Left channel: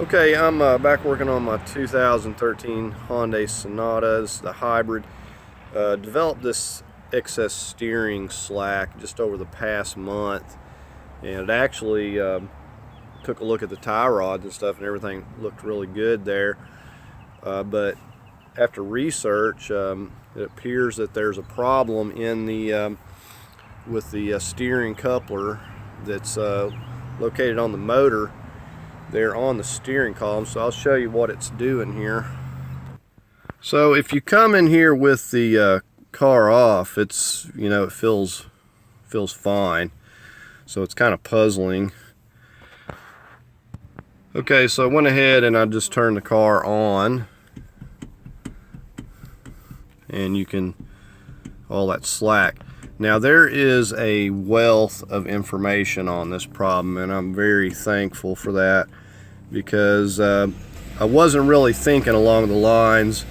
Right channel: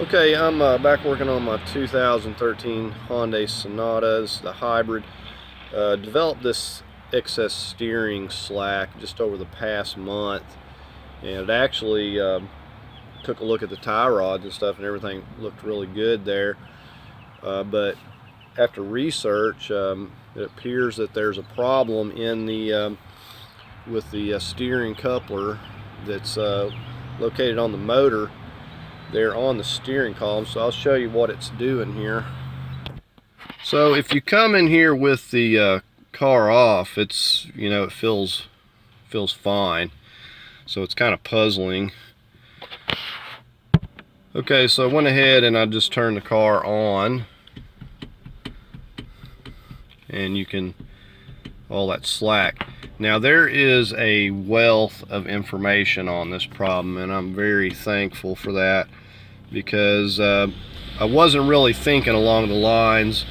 Okay, I'm back working on my 2013 Hyundai Sonatas, the hybrid. Developed this excess steering slack just over the past month, and it actually took a look at the tie rods and stuff, and everything looked really good there. But after research, it appears that there's a problem in the with the steering coupler that's located on the motor. They're on the steering column, so I'll show you what it's doing here. So if you come in here with the car off, it's, it feels fine. So it's kind of puzzling. Okay, so I went ahead and I just turned the car on, and you can, all that slack. Now there is a wealth of information on this problem, and I'm very thankful for that, because I wasn't really thinking along the lines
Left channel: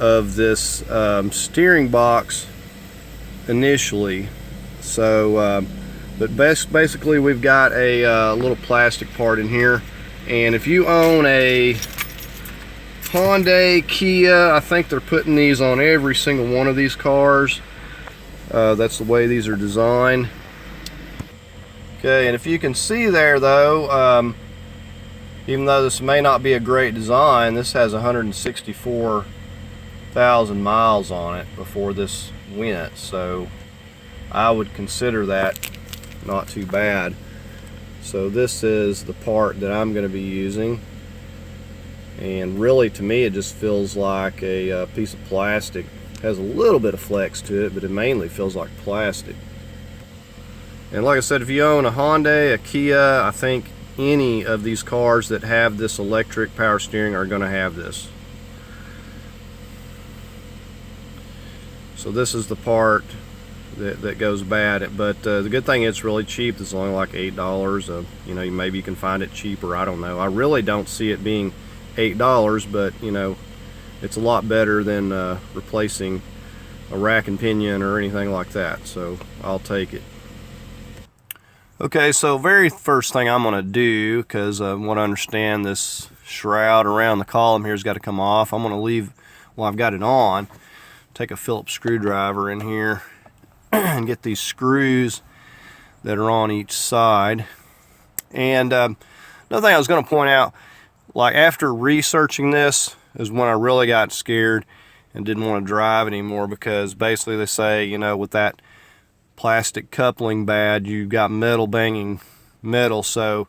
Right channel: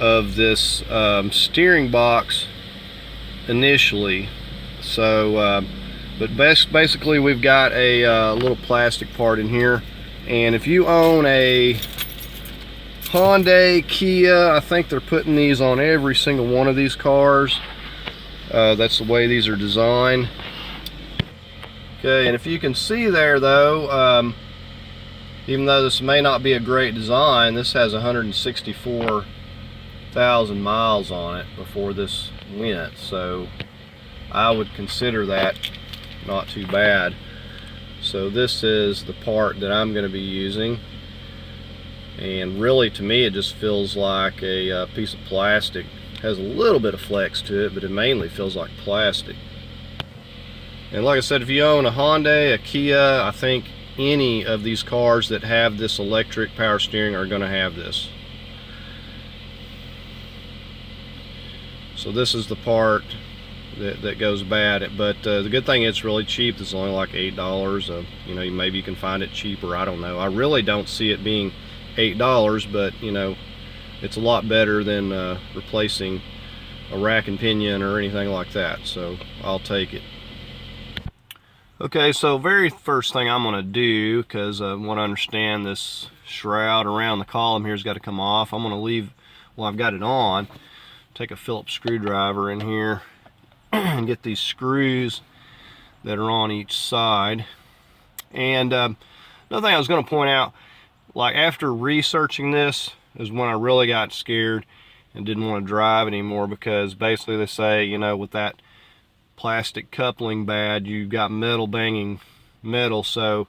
of this steering box initially. So but basically we've got a little plastic part in here, and if you own a Hyundai, Kia, I think they're putting these on every single one of these cars. That's the way these are designed. Okay, and if you can see there though, even though this may not be a great design, this has 164,000 miles on it before this went, so I would consider that not too bad. So this is the part that I'm going to be using, and really to me it just feels like a piece of plastic. It has a little bit of flex to it, but it mainly feels like plastic. And like I said, if you own a Hyundai, a Kia, I think any of these cars that have this electric power steering are going to have this. So this is the part that goes bad, but the good thing, it's really cheap. It's only like $8. Maybe you can find it cheaper, I don't know. I really don't see it being $8, but it's a lot better than replacing a rack and pinion or anything like that, so I'll take it. Okay, so very first thing I'm going to do, because I want to understand this shroud around the column here has got to come off. I'm going to leave while I've got it on. Take a Phillips screwdriver in here and get these screws that are on each side. And another thing I was going to point out, like after researching this is when I really got scared and didn't want to drive anymore, because basically they say, with that plastic coupling bad, you've got metal banging metal, so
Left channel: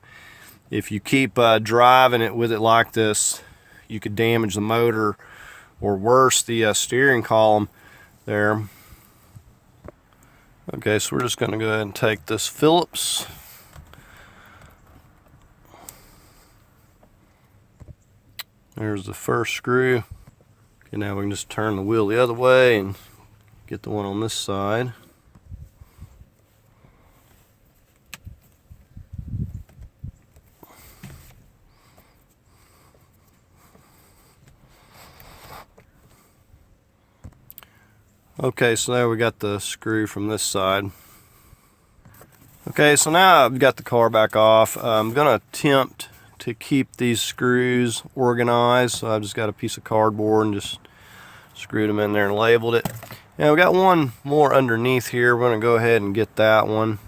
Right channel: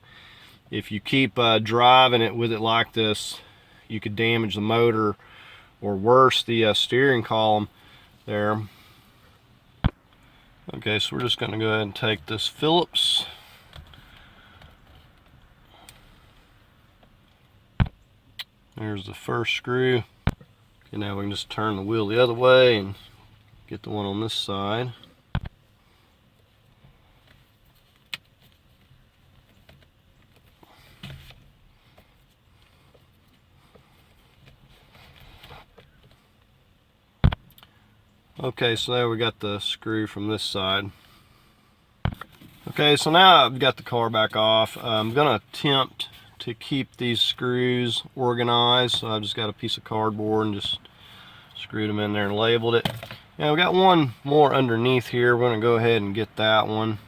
if you keep driving it with it like this, you could damage the motor, or worse, the steering column there. Okay, so we're just going to go ahead and take this Phillips, there's the first screw. Okay, now we can just turn the wheel the other way and get the one on this side. Okay, so there we got the screw from this side. Okay, so now I've got the car back off. I'm going to attempt to keep these screws organized. So I just got a piece of cardboard and just screwed them in there and labeled it. Now we got one more underneath here. We're going to go ahead and get that one.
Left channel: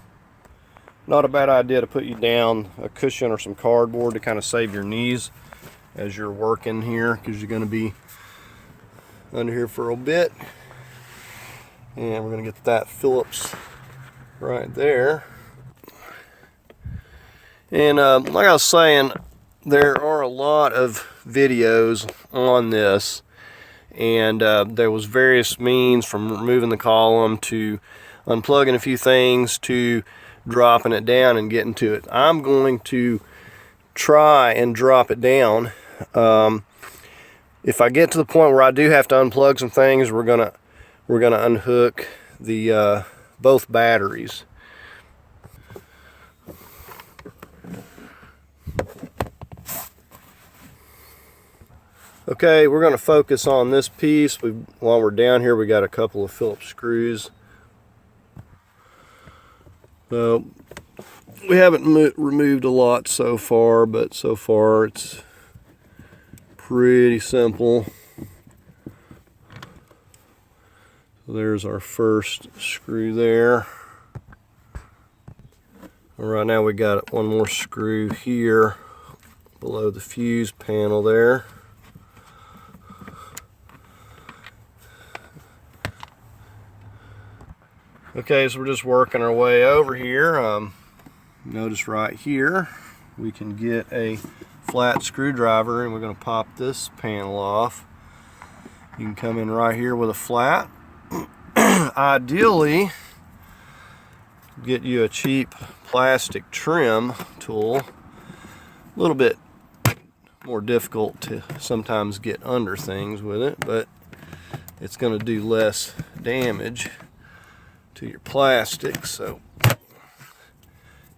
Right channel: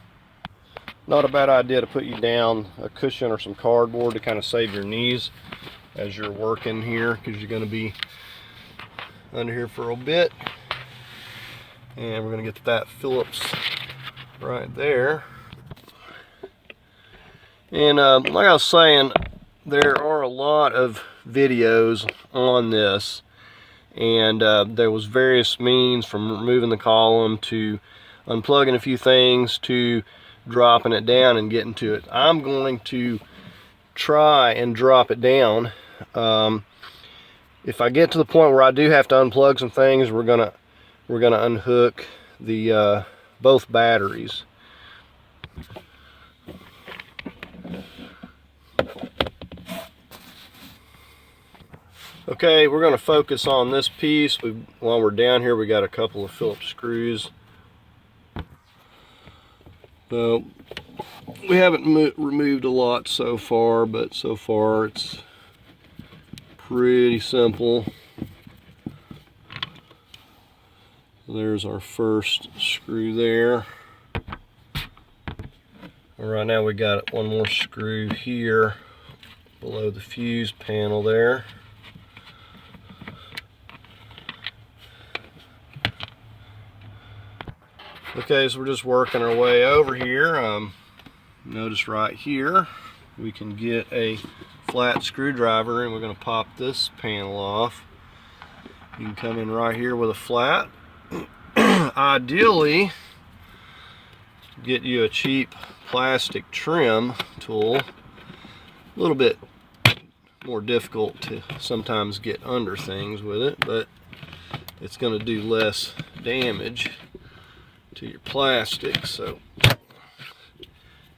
Not a bad idea to put you down a cushion or some cardboard to kind of save your knees as you're working here, because you're going to be under here for a bit. And we're going to get that Phillips right there. And like I was saying, there are a lot of videos on this, and there was various means, from removing the column to unplugging a few things to dropping it down and getting to it. I'm going to try and drop it down. If I get to the point where I do have to unplug some things, we're gonna unhook the both batteries. Okay, we're going to focus on this piece. While we're down here, we got a couple of Phillips screws. So We haven't removed a lot so far, but so far it's pretty simple. There's our first screw there. Right now we got one more screw here below the fuse panel there. Okay, so we're just working our way over here. Notice right here we can get a flat screwdriver and we're going to pop this panel off. You can come in right here with a flat. Ideally, get you a cheap plastic trim tool. A little bit more difficult to sometimes get under things with it, but it's going to do less damage to your plastic. So,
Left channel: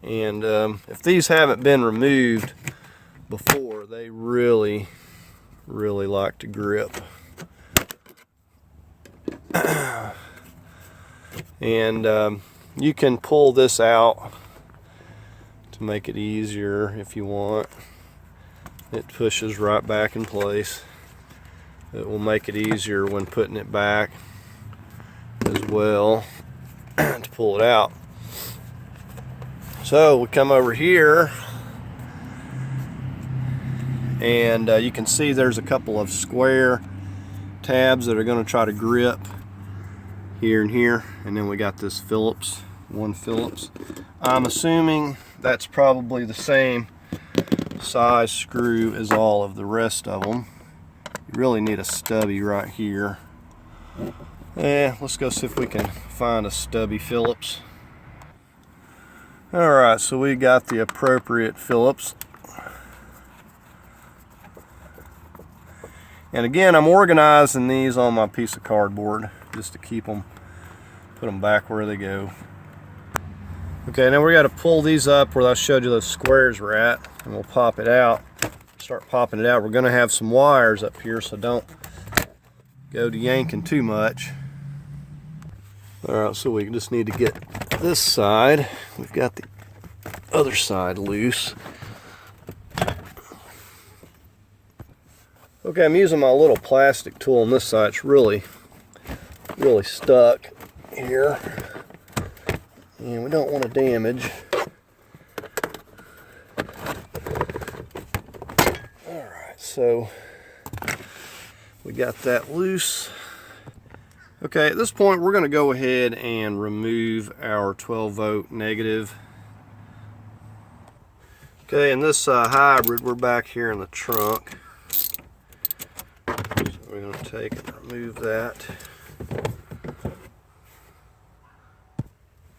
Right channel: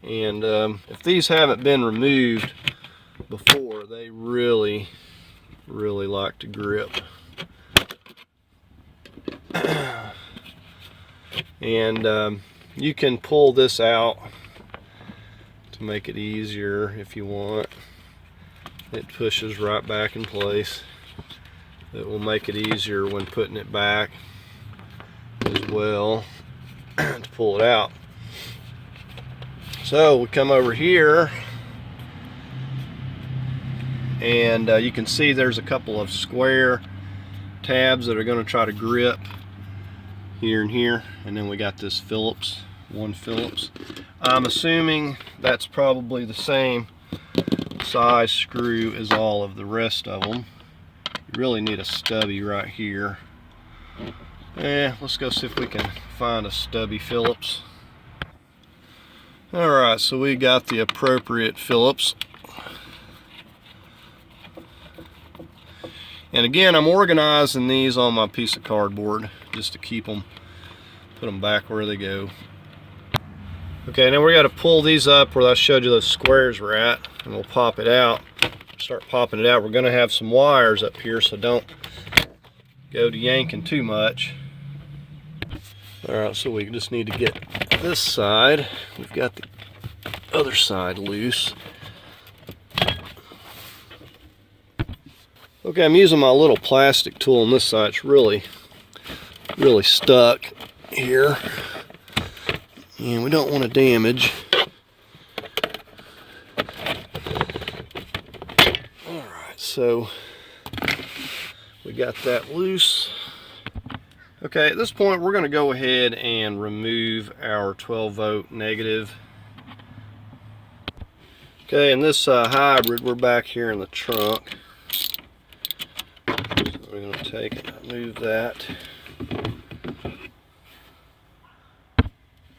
and if these haven't been removed before, they really like to grip. And you can pull this out to make it easier if you want. It pushes right back in place. It will make it easier when putting it back as well to pull it out. So we come over here and you can see there's a couple of square tabs that are going to try to grip here and here, and then we got this one Phillips. I'm assuming that's probably the same size screw as all of the rest of them. You really need a stubby right here. Let's go see if we can find a stubby Phillips. Alright, so we got the appropriate Phillips. And again, I'm organizing these on my piece of cardboard just to keep them, put them back where they go. Okay, now we got to pull these up where I showed you those squares were at, and we'll pop it out. Start popping it out. We're going to have some wires up here, so don't go to yanking too much. Alright, so we just need to get this side. We've got the other side loose. Okay, I'm using my little plastic tool on this side. It's really stuck here, and we don't want to damage. Alright, so we got that loose. Okay, at this point we're going to go ahead and remove our 12-volt negative. Okay, and this hybrid, we're back here in the trunk. So we're going to take it and move that.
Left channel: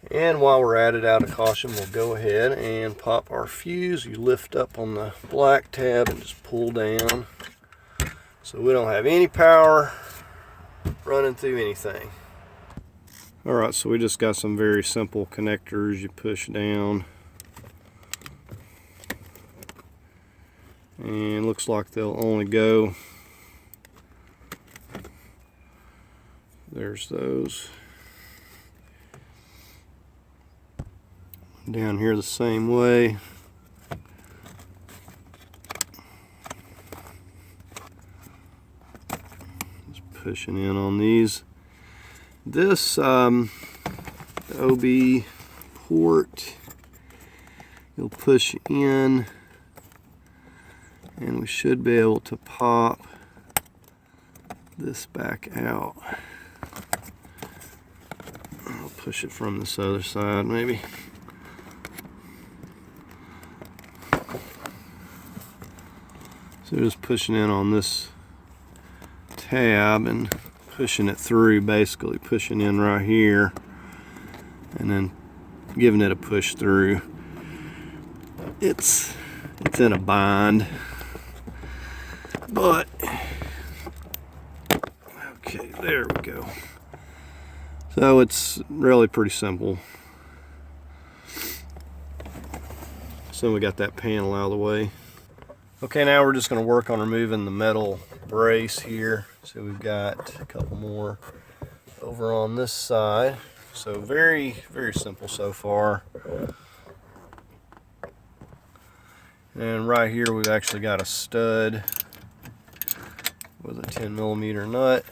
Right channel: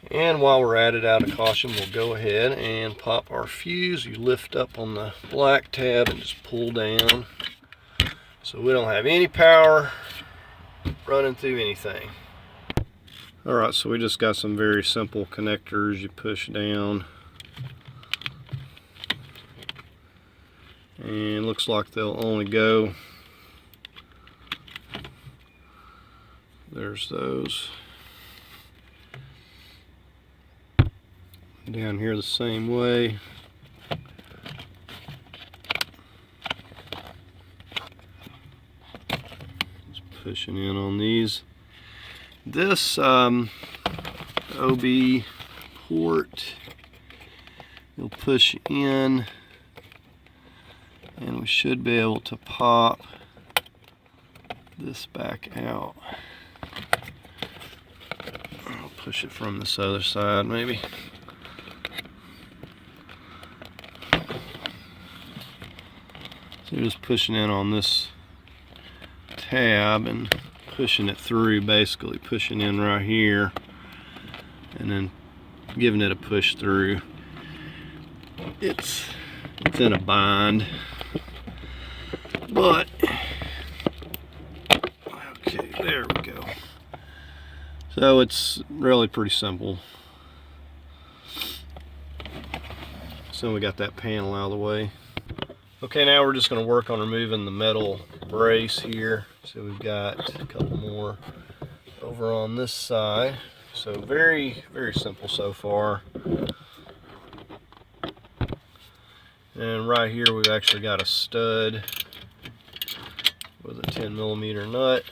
And while we're at it, out of caution, we'll go ahead and pop our fuse. You lift up on the black tab and just pull down, so we don't have any power running through anything. Alright, so we just got some very simple connectors. You push down, and looks like they'll only go, there's those. Down here the same way. Just pushing in on these. This OB port, you'll push in and we should be able to pop this back out. I'll push it from this other side maybe. So just pushing in on this tab and pushing it through, basically pushing in right here and then giving it a push through. It's in a bind, but okay, there we go. So it's really pretty simple. So we got that panel out of the way. Okay, now we're just going to work on removing the metal brace here. So we've got a couple more over on this side. So very simple so far. And right here we've actually got a stud with a 10mm nut.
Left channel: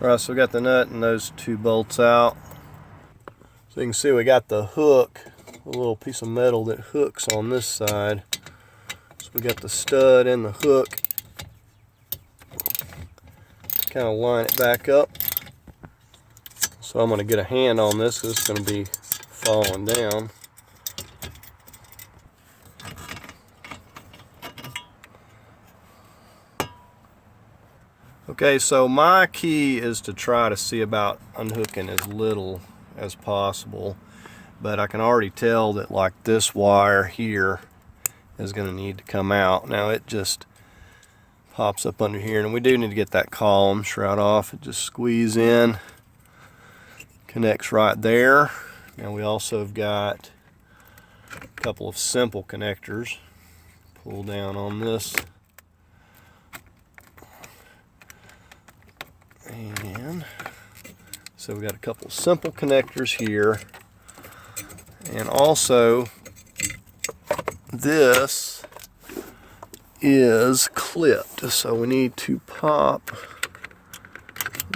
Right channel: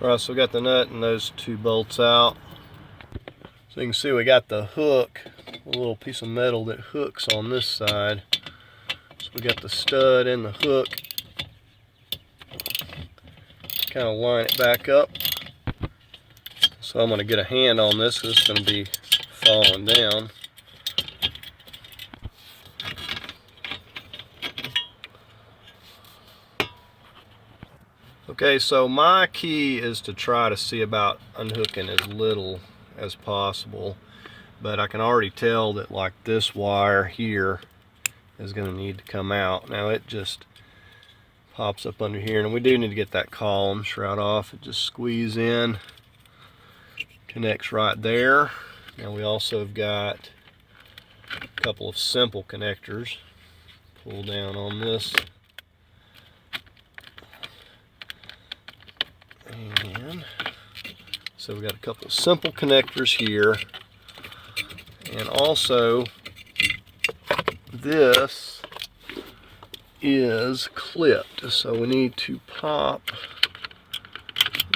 Alright, so we got the nut and those two bolts out. So you can see we got the hook, a little piece of metal that hooks on this side. So we got the stud and the hook. Kind of line it back up. So I'm going to get a hand on this because it's going to be falling down. Okay, so my key is to try to see about unhooking as little as possible, but I can already tell that like this wire here is going to need to come out. Now it just pops up under here, and we do need to get that column shroud off. It just squeeze in, connects right there. Now we also have got a couple of simple connectors. Pull down on this. And so we've got a couple of simple connectors here, and also this is clipped, so we need to pop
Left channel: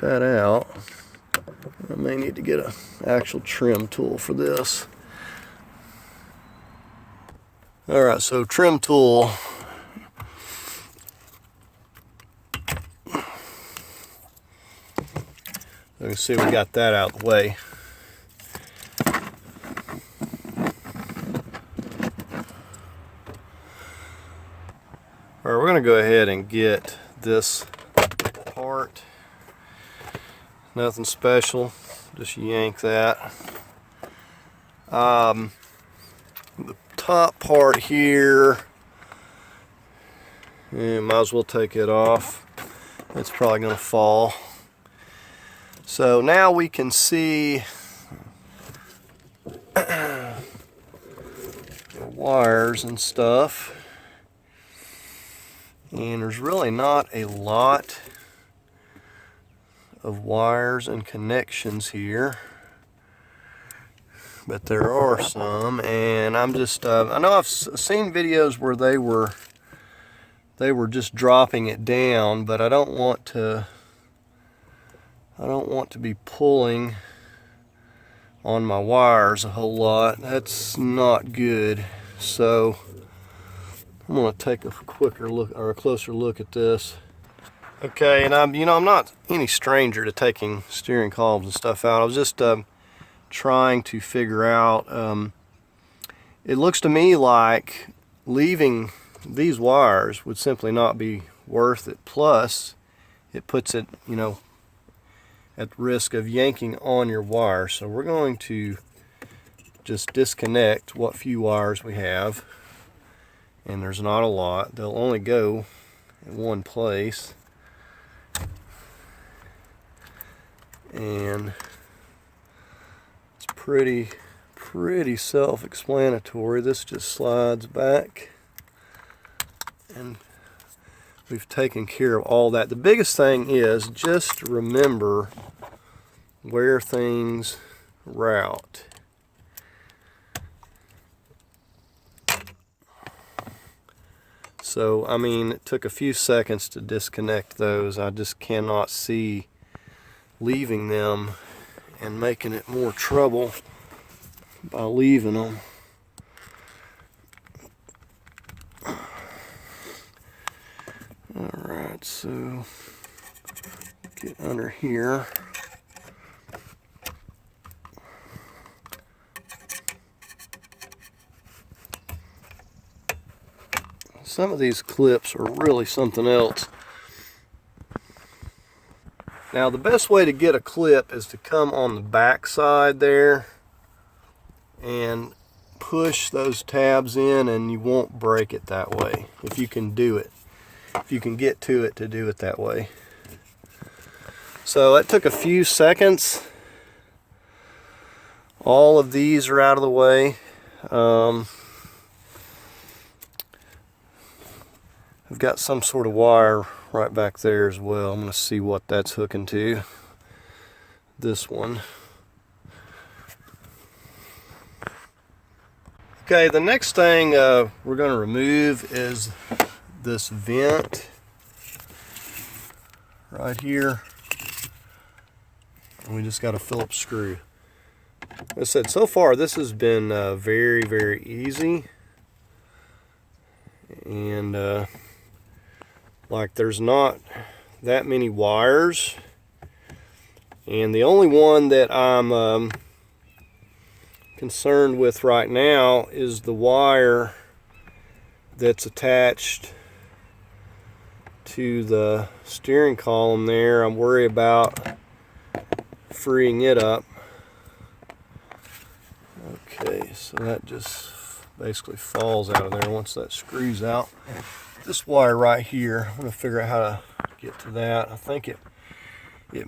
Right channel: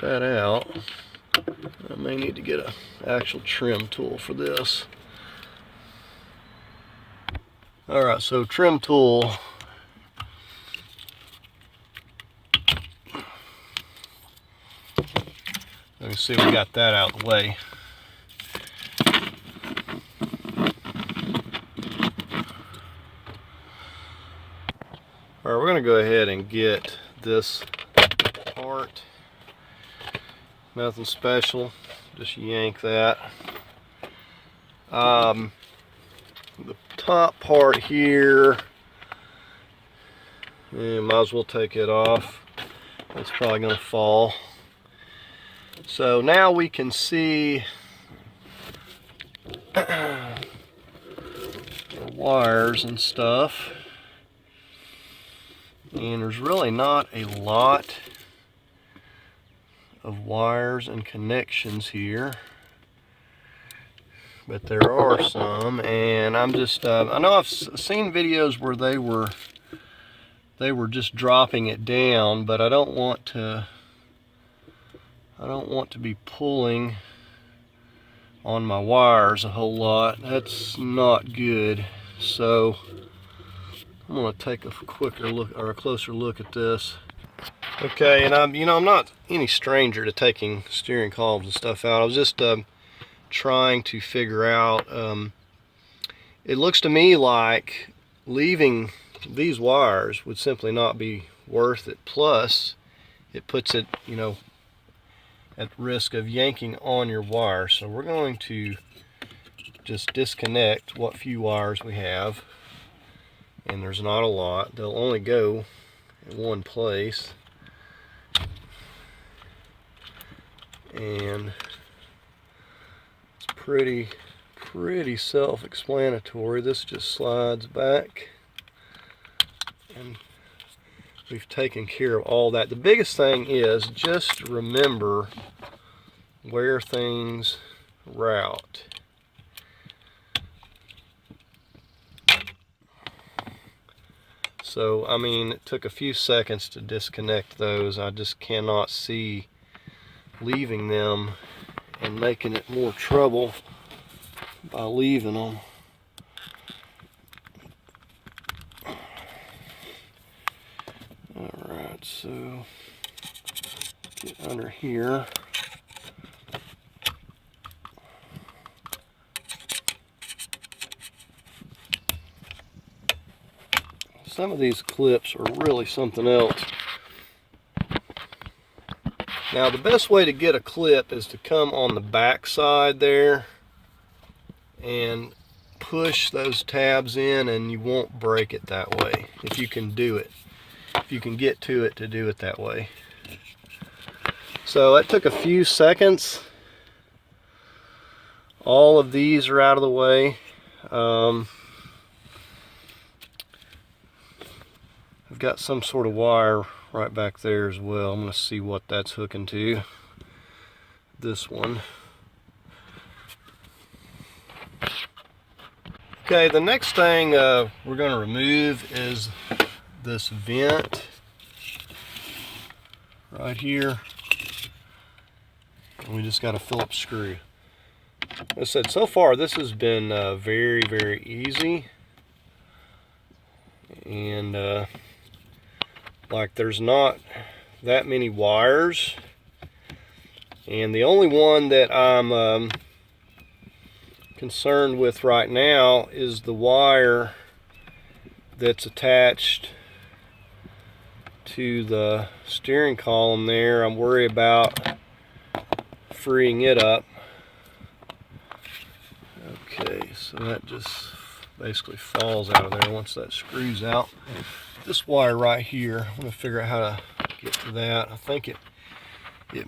that out. I may need to get an actual trim tool for this. Alright, so trim tool. You can see we got that out of the way. Alright, we're going to go ahead and get this part. Nothing special, just yank that. The top part here, might as well take it off. It's probably going to fall. So now we can see the wires and stuff, and there's really not a lot of wires and connections here, but there are some. And I'm just I know I've seen videos where they were just dropping it down, but I don't want to be pulling on my wires a whole lot. That's not good. So I'm going to take a quicker look, or a closer look at this. Okay, and I'm not any stranger to taking steering columns and stuff out. I was just trying to figure out. It looks to me like leaving these wires would simply not be worth it. Plus, it puts it, at risk of yanking on your wire. So we're going to just disconnect what few wires we have, and there's not a lot. They'll only go in one place, and it's pretty self-explanatory. This just slides back, and we've taken care of all that. The biggest thing is just remember where things route. So, I mean, it took a few seconds to disconnect those. I just cannot see leaving them and making it more trouble by leaving them. Alright, so get under here. Some of these clips are really something else. Now, the best way to get a clip is to come on the back side there and push those tabs in, and you won't break it that way if you can do it. If you can get to it to do it that way. So that took a few seconds. All of these are out of the way. I've got some sort of wire right back there as well. I'm going to see what that's hooking to. This one. Okay, the next thing we're going to remove is this vent right here. And we just got a Phillips screw. As I said, so far this has been very, very easy. And like there's not that many wires. And the only one that I'm concerned with right now is the wire that's attached to the steering column there. I'm worried about freeing it up. Okay, so that just basically falls out of there once that screws out. This wire right here, I'm going to figure out how to get to that. I think it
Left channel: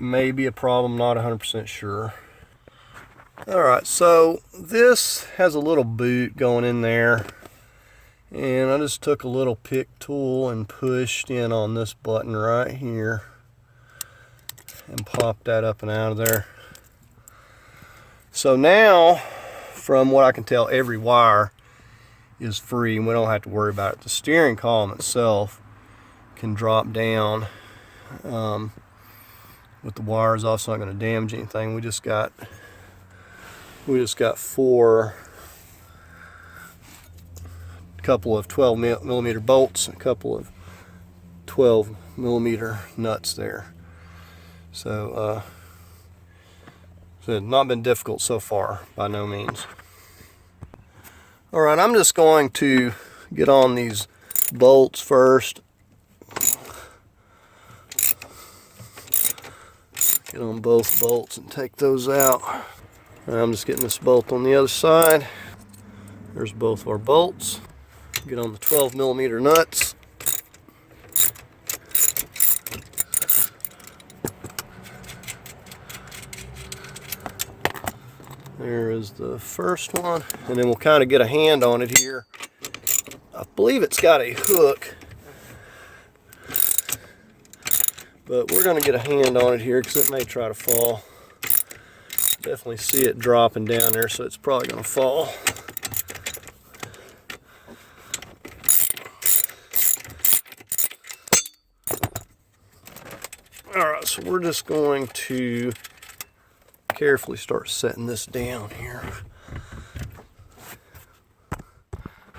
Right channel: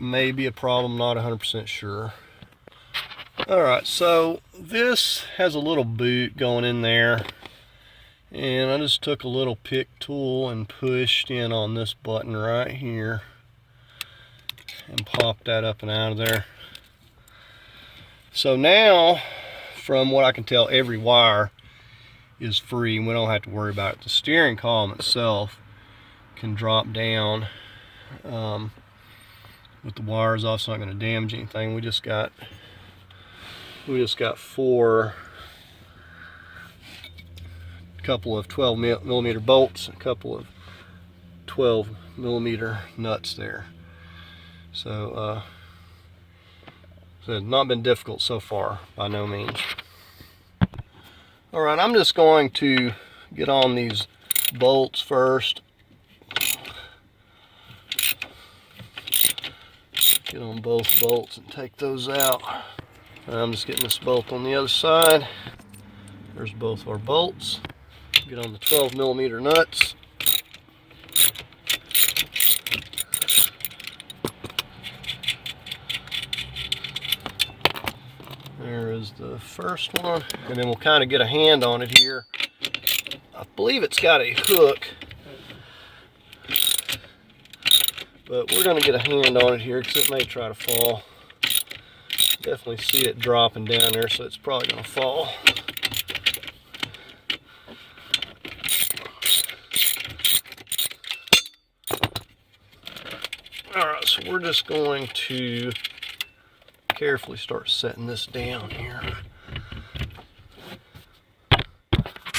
may be a problem, not 100% sure. Alright, so this has a little boot going in there, and I just took a little pick tool and pushed in on this button right here and popped that up and out of there. So now, from what I can tell, every wire is free and we don't have to worry about it. The steering column itself can drop down with the wires off, so it's not going to damage anything. We just got 4 couple of 12mm bolts, a couple of 12mm nuts there. So it's not been difficult so far, by no means. Alright, I'm just going to get on these bolts first. Get on both bolts and take those out. I'm just getting this bolt on the other side. There's both our bolts. Get on the 12mm nuts. There is the first one, and then we'll kind of get a hand on it here. I believe it's got a hook, but we're going to get a hand on it here because it may try to fall. Definitely see it dropping down there, so it's probably going to fall. Alright, so we're just going to carefully start setting this down here.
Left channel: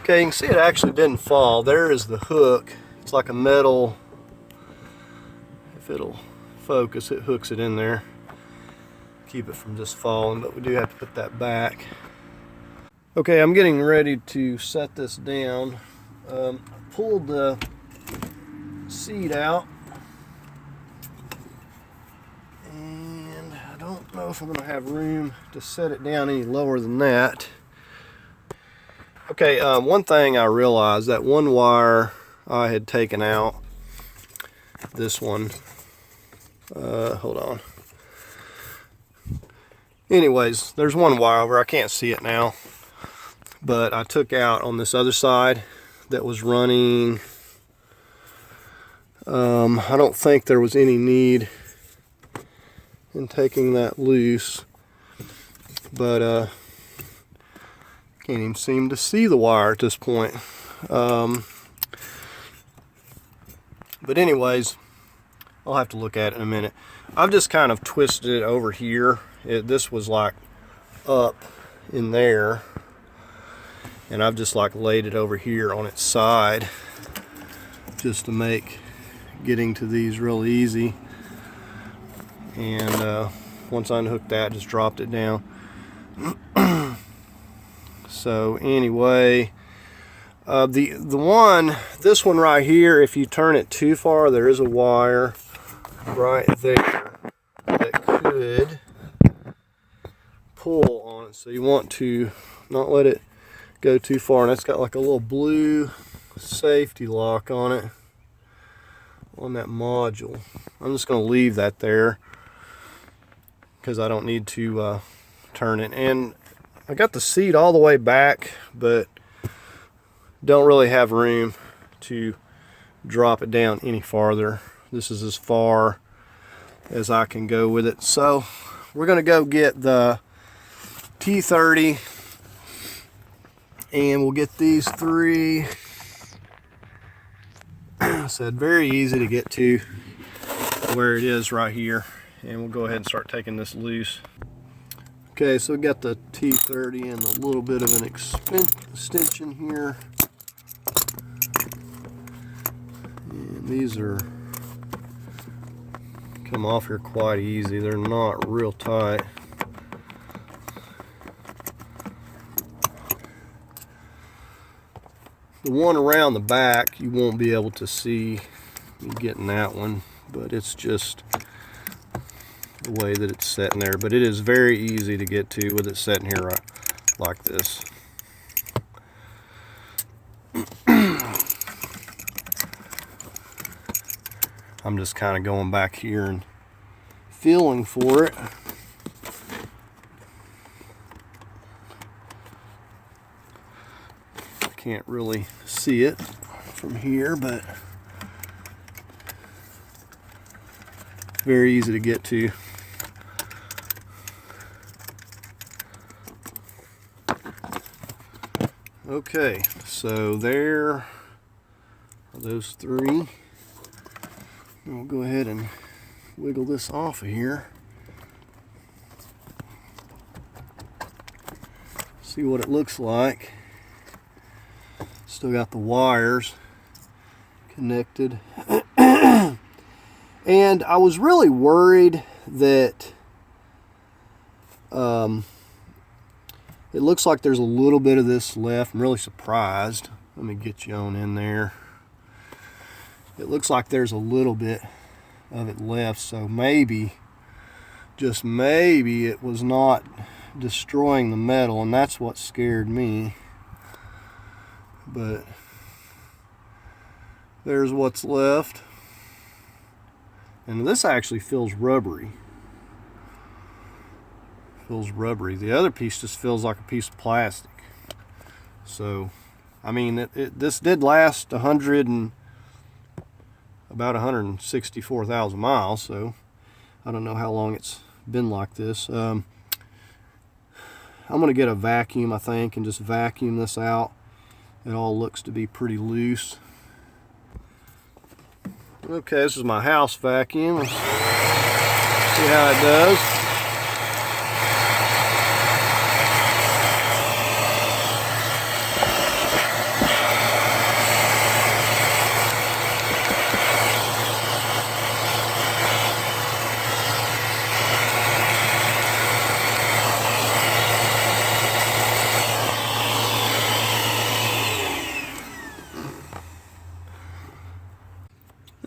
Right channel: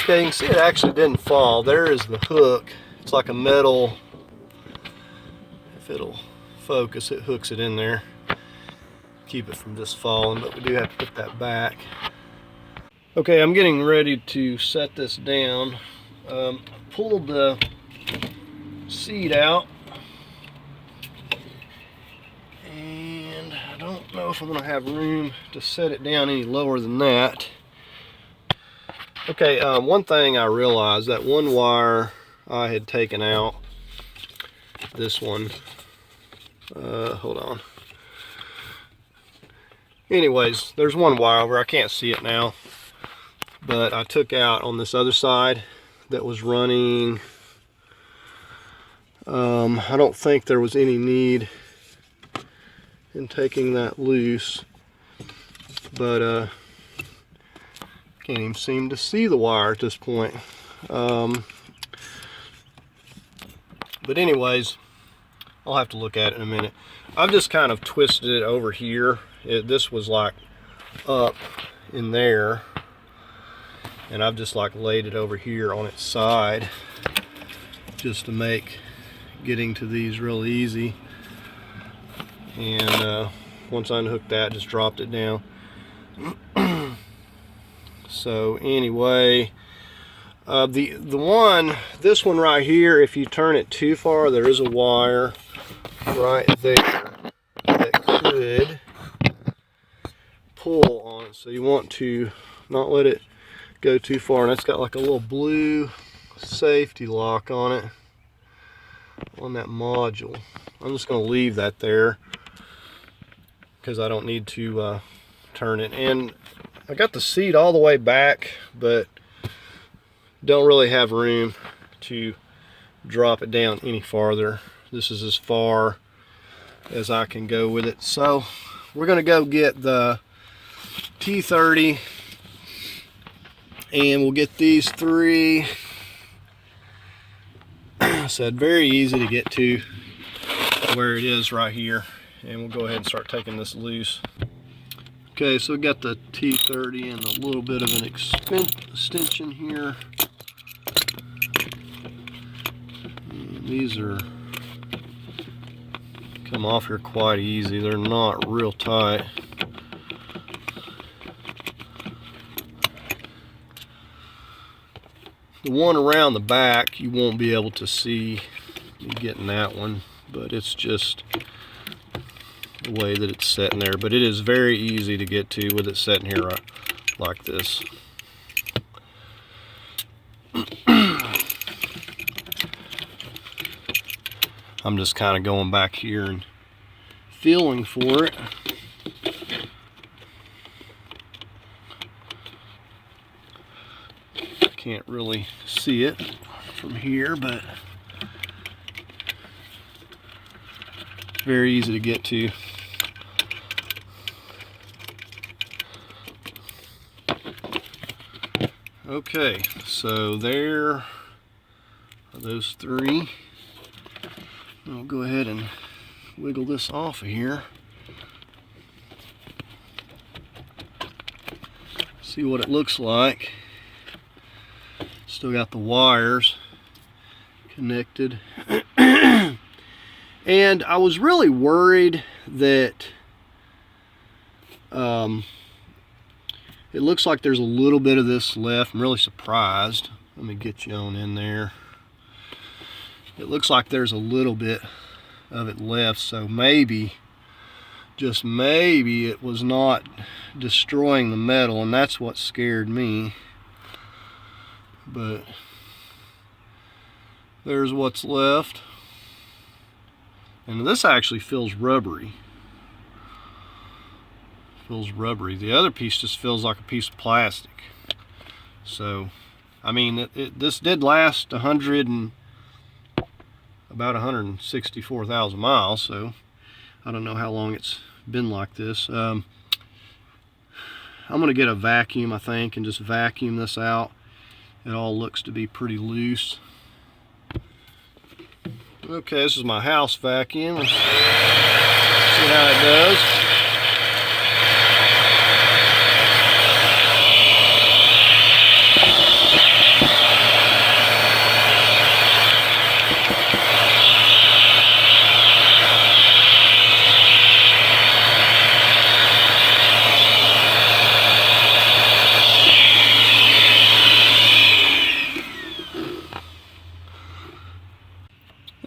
Okay, you can see it actually didn't fall. There is the hook. It's like a metal, if it'll focus, it hooks it in there. Keep it from just falling, but we do have to put that back. Okay, I'm getting ready to set this down. Pulled the seat out. I don't know if I'm going to have room to set it down any lower than that. Okay, one thing I realized, that one wire I had taken out, this one, hold on. Anyways, there's one wire where I can't see it now, but I took out on this other side that was running. I don't think there was any need in taking that loose, but can't even seem to see the wire at this point. But anyways, I'll have to look at it in a minute. I've just kind of twisted it over here. This was like up in there, and I've just like laid it over here on its side just to make getting to these real easy. And once I unhooked that, just dropped it down. So anyway, this one right here, if you turn it too far, there is a wire right there that could pull on it. So you want to not let it go too far. And that's got like a little blue safety lock on it, on that module. I'm just going to leave that there because I don't need to turn it. And I got the seat all the way back, but don't really have room to drop it down any farther. This is as far as I can go with it. So we're going to go get the T30 And we'll get these 3. I said very easy to get to where it is right here. And we'll go ahead and start taking this loose. Okay, so we got the T30 and a little bit of an extension here. And these are come off here quite easy. They're not real tight. The one around the back, you won't be able to see me getting that one, but it's just the way that it's sitting there. But it is very easy to get to with it sitting here right like this. I'm just kind of going back here and feeling for it. I can't really see it from here, but it's very easy to get to. Okay, so there are those 3. I'll go ahead and wiggle this off of here. See what it looks like. Still got the wires connected. And I was really worried that it looks like there's a little bit of this left. I'm really surprised. Let me get you on in there. It looks like there's a little bit of it left, so maybe, just maybe, it was not destroying the metal, and that's what scared me. But there's what's left. And this actually feels rubbery. Feels rubbery. The other piece just feels like a piece of plastic. So, I mean, this did last about 164,000 miles, so I don't know how long it's been like this. I'm going to get a vacuum, I think, and just vacuum this out. It all looks to be pretty loose. Okay, this is my house vacuum. See how it does.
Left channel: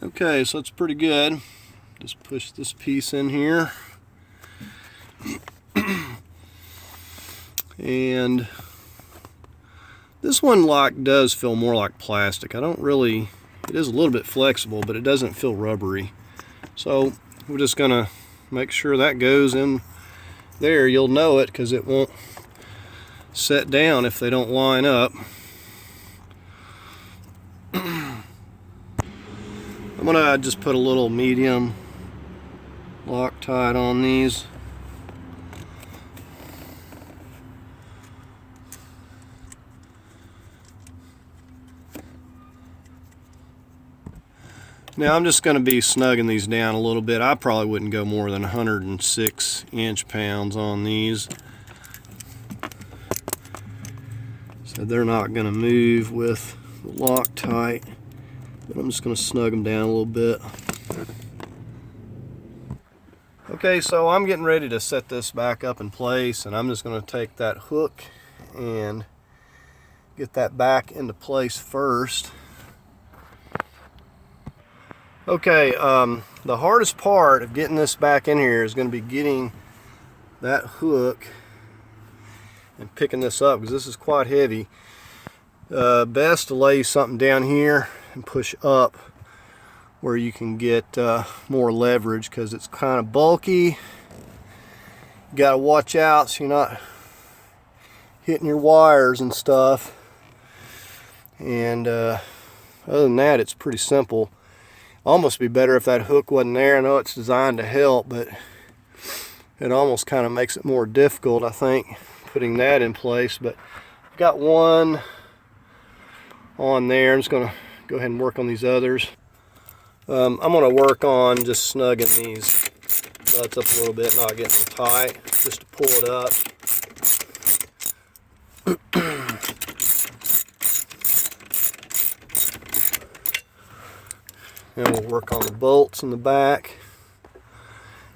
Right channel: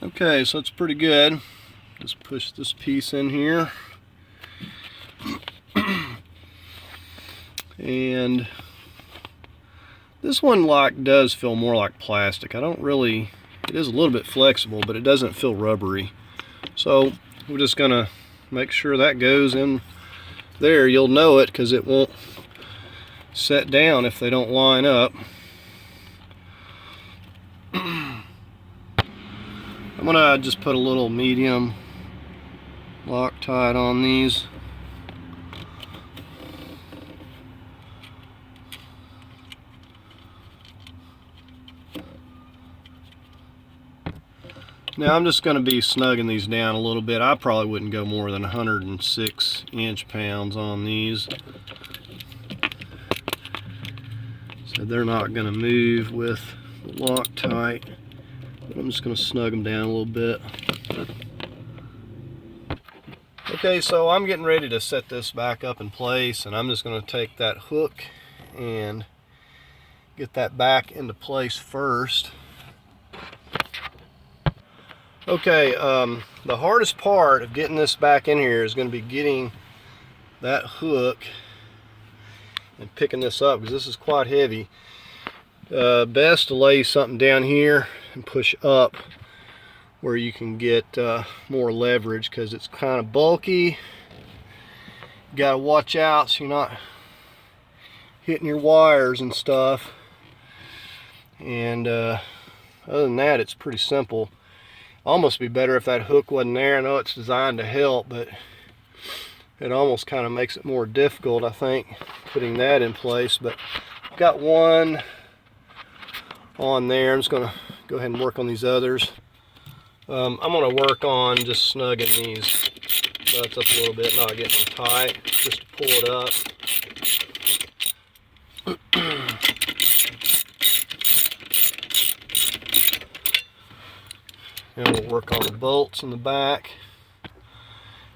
Okay, so it's pretty good. Just push this piece in here. And this one does feel more like plastic. I don't really, it is a little bit flexible, but it doesn't feel rubbery. So we're just gonna make sure that goes in there. You'll know it because it won't set down if they don't line up. I'm gonna just put a little medium Loctite on these. Now I'm just going to be snugging these down a little bit. I probably wouldn't go more than 106 inch-pounds on these. So they're not going to move with the Loctite. But I'm just going to snug them down a little bit. Okay, so I'm getting ready to set this back up in place, and I'm just going to take that hook and get that back into place first. Okay, the hardest part of getting this back in here is going to be getting that hook and picking this up, because this is quite heavy. Best to lay something down here and push up where you can get more leverage, because it's kind of bulky. You got to watch out so you're not hitting your wires and stuff. And other than that, it's pretty simple. Almost be better if that hook wasn't there. I know it's designed to help, but it almost kind of makes it more difficult, I think, putting that in place. But got one on there. I'm just going to go ahead and work on these others. I'm going to work on just snugging these nuts up a little bit, not getting them tight, just to pull it up. And we'll work on the bolts in the back.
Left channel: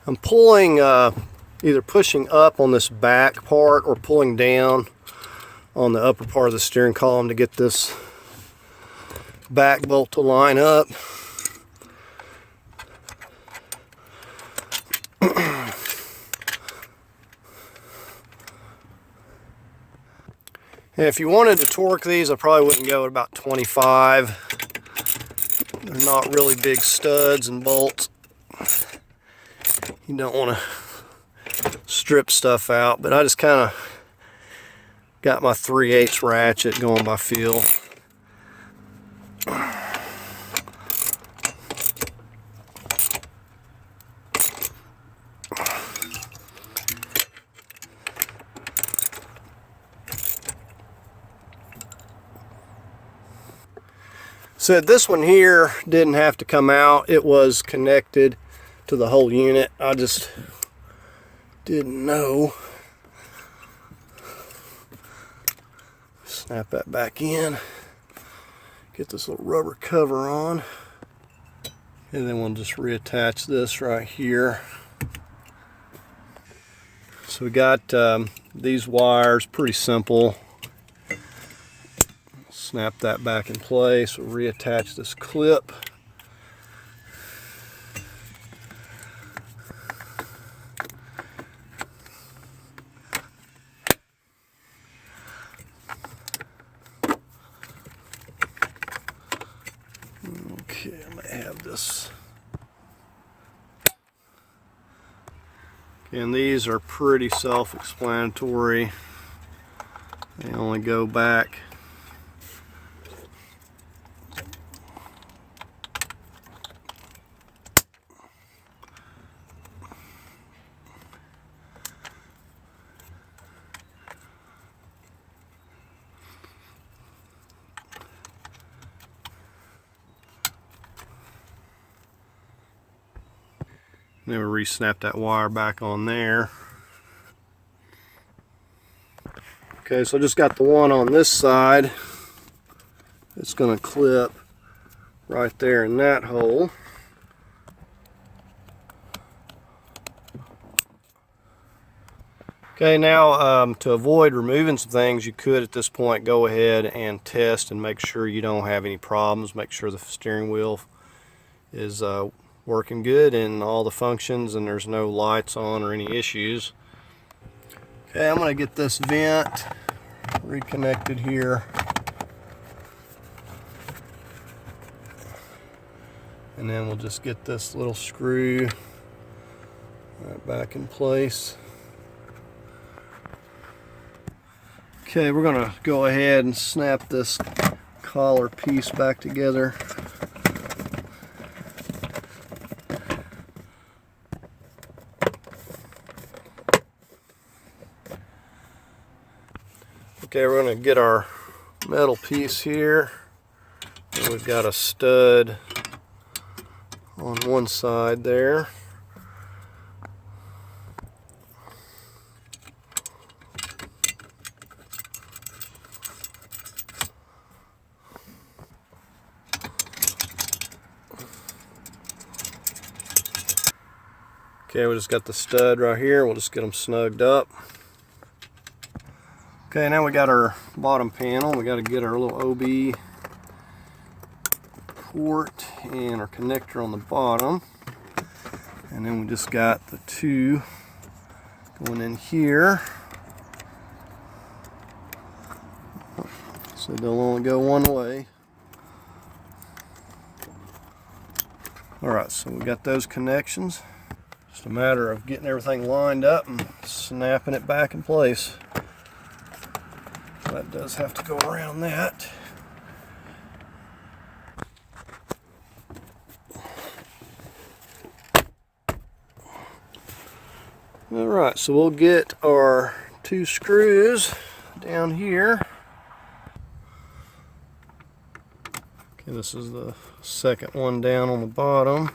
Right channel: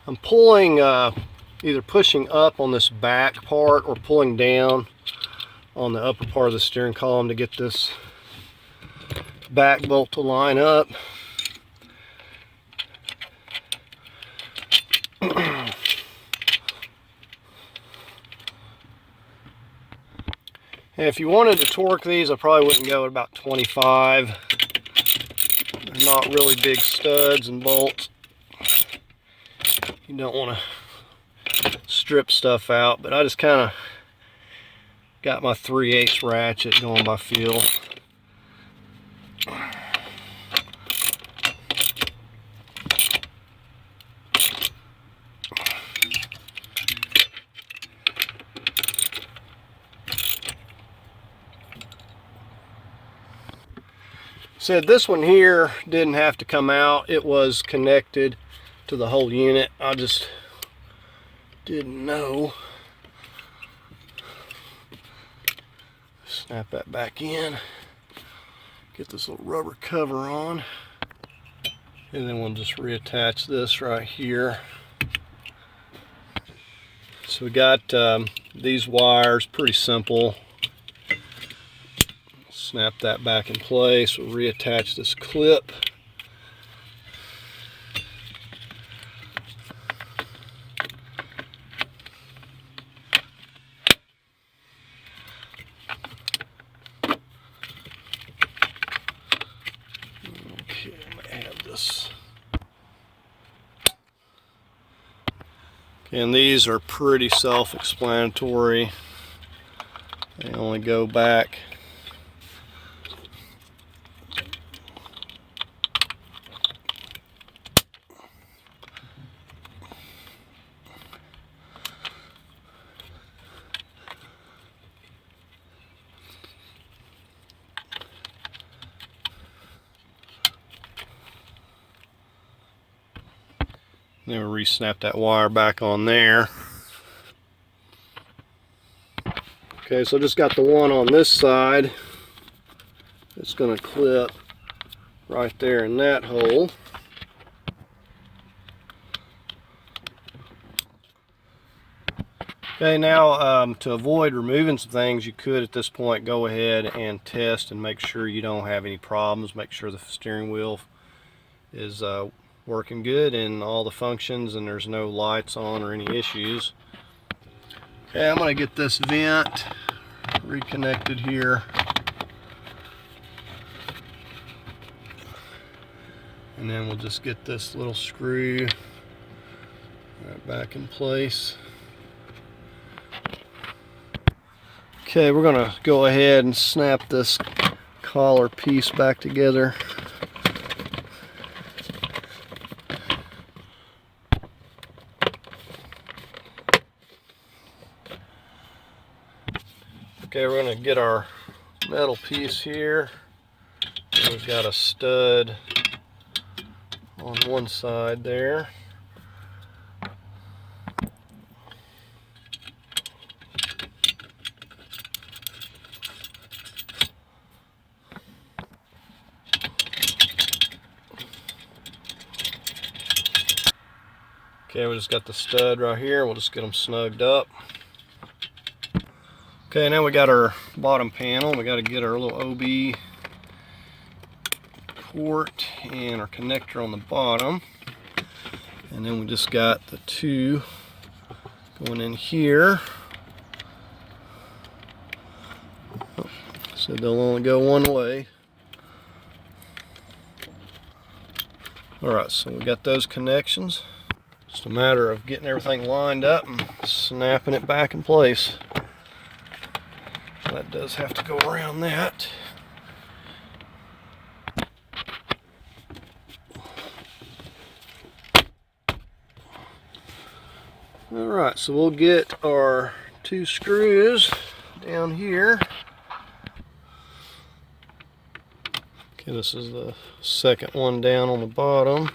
I'm pulling, either pushing up on this back part or pulling down on the upper part of the steering column to get this back bolt to line up. And if you wanted to torque these, I probably wouldn't go at about 25. They're not really big studs and bolts. You don't want to strip stuff out, but I just kind of got my 3/8 ratchet going by feel. So this one here didn't have to come out. It was connected to the whole unit. I just didn't know. Snap that back in. Get this little rubber cover on. And then we'll just reattach this right here. So we got these wires, pretty simple. Snap that back in place. We'll reattach this clip. Okay, I might have this. And these are pretty self-explanatory. They only go back then we'll re-snap that wire back on there. Okay, so I just got the one on this side. It's going to clip right there in that hole. Okay, now to avoid removing some things, you could at this point go ahead and test and make sure you don't have any problems. Make sure the steering wheel is working good and all the functions and there's no lights on or any issues. Okay, I'm going to get this vent reconnected here. And then we'll just get this little screw right back in place. Okay, we're going to go ahead and snap this collar piece back together. Okay, we're going to get our metal piece here. And we've got a stud on one side there. Okay, we just got the stud right here. We'll just get them snugged up. Okay, now we got our bottom panel. We got to get our little OB port and our connector on the bottom. And then we just got the two going in here. So they'll only go one way. Alright, so we got those connections. Just a matter of getting everything lined up and snapping it back in place. That does have to go around that. Alright, so we'll get our two screws down here. And this is the second one down on the bottom.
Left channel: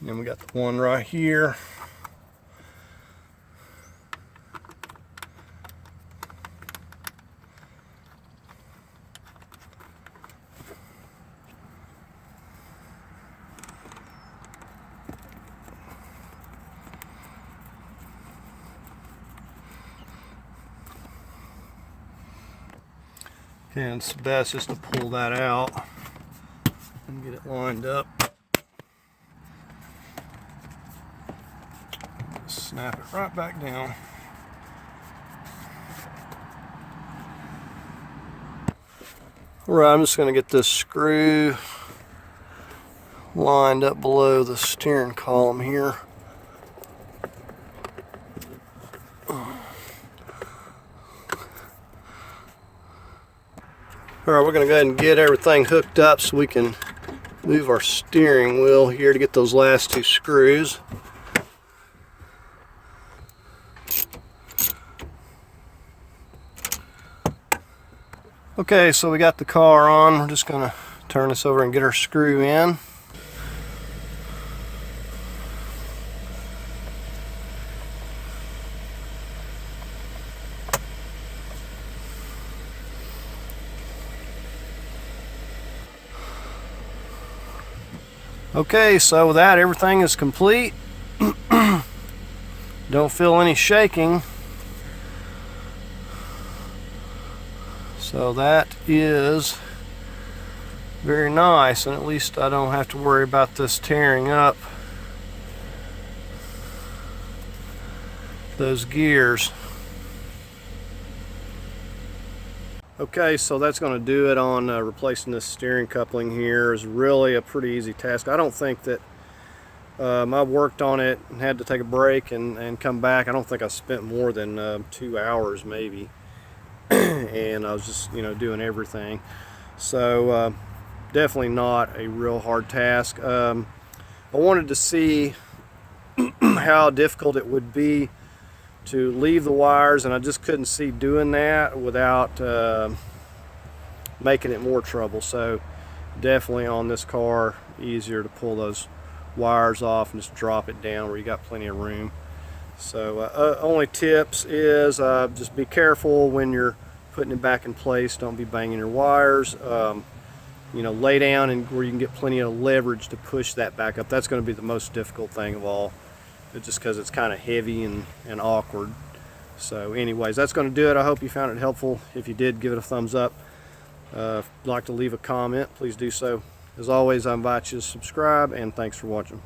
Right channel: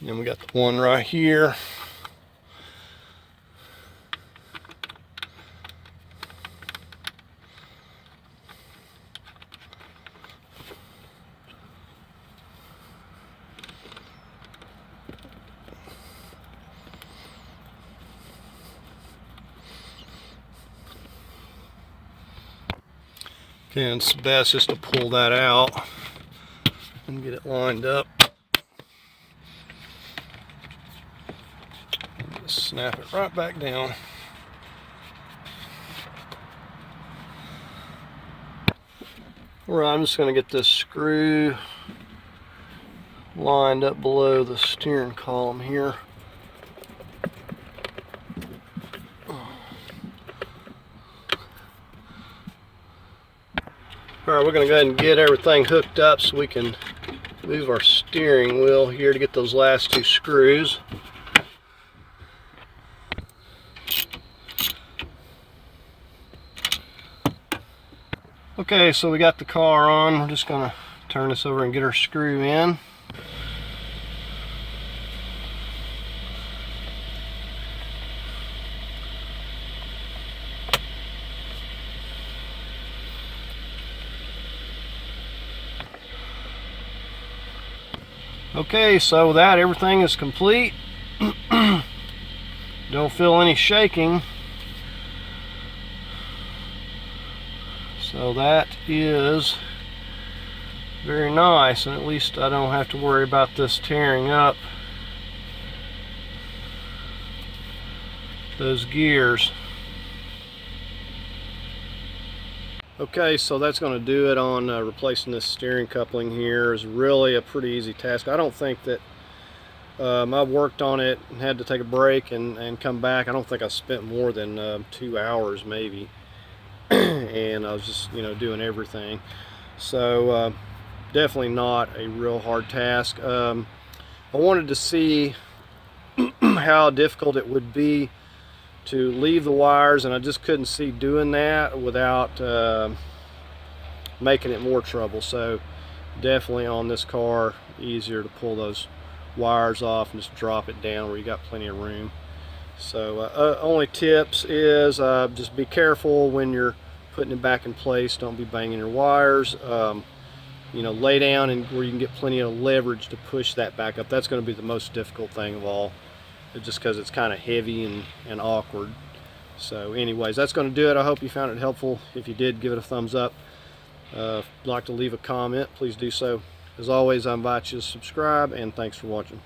And then we got the one right here. Okay, and it's best just to pull that out and get it lined up. Just snap it right back down. Alright, I'm just going to get this screw lined up below the steering column here. Alright, we're going to go ahead and get everything hooked up so we can move our steering wheel here to get those last two screws. Okay, so we got the car on. We're just going to turn this over and get our screw in. Okay, so with that, everything is complete. Don't feel any shaking. So that is very nice, and at least I don't have to worry about this tearing up those gears. Okay, so that's going to do it on replacing this steering coupling here. Is really a pretty easy task. I don't think that I worked on it and had to take a break and come back. I don't think I spent more than 2 hours maybe. And I was just, doing everything. So definitely not a real hard task. I wanted to see how difficult it would be to leave the wires, and I just couldn't see doing that without making it more trouble. So definitely on this car, easier to pull those wires off and just drop it down where you got plenty of room. So only tips is just be careful when you're putting it back in place. Don't be banging your wires. Lay down and where you can get plenty of leverage to push that back up. That's going to be the most difficult thing of all, just because it's kind of heavy and awkward. So anyways, that's going to do it. I hope you found it helpful. If you did, give it a thumbs up. If you'd like to leave a comment, please do so. As always, I invite you to subscribe, and thanks for watching.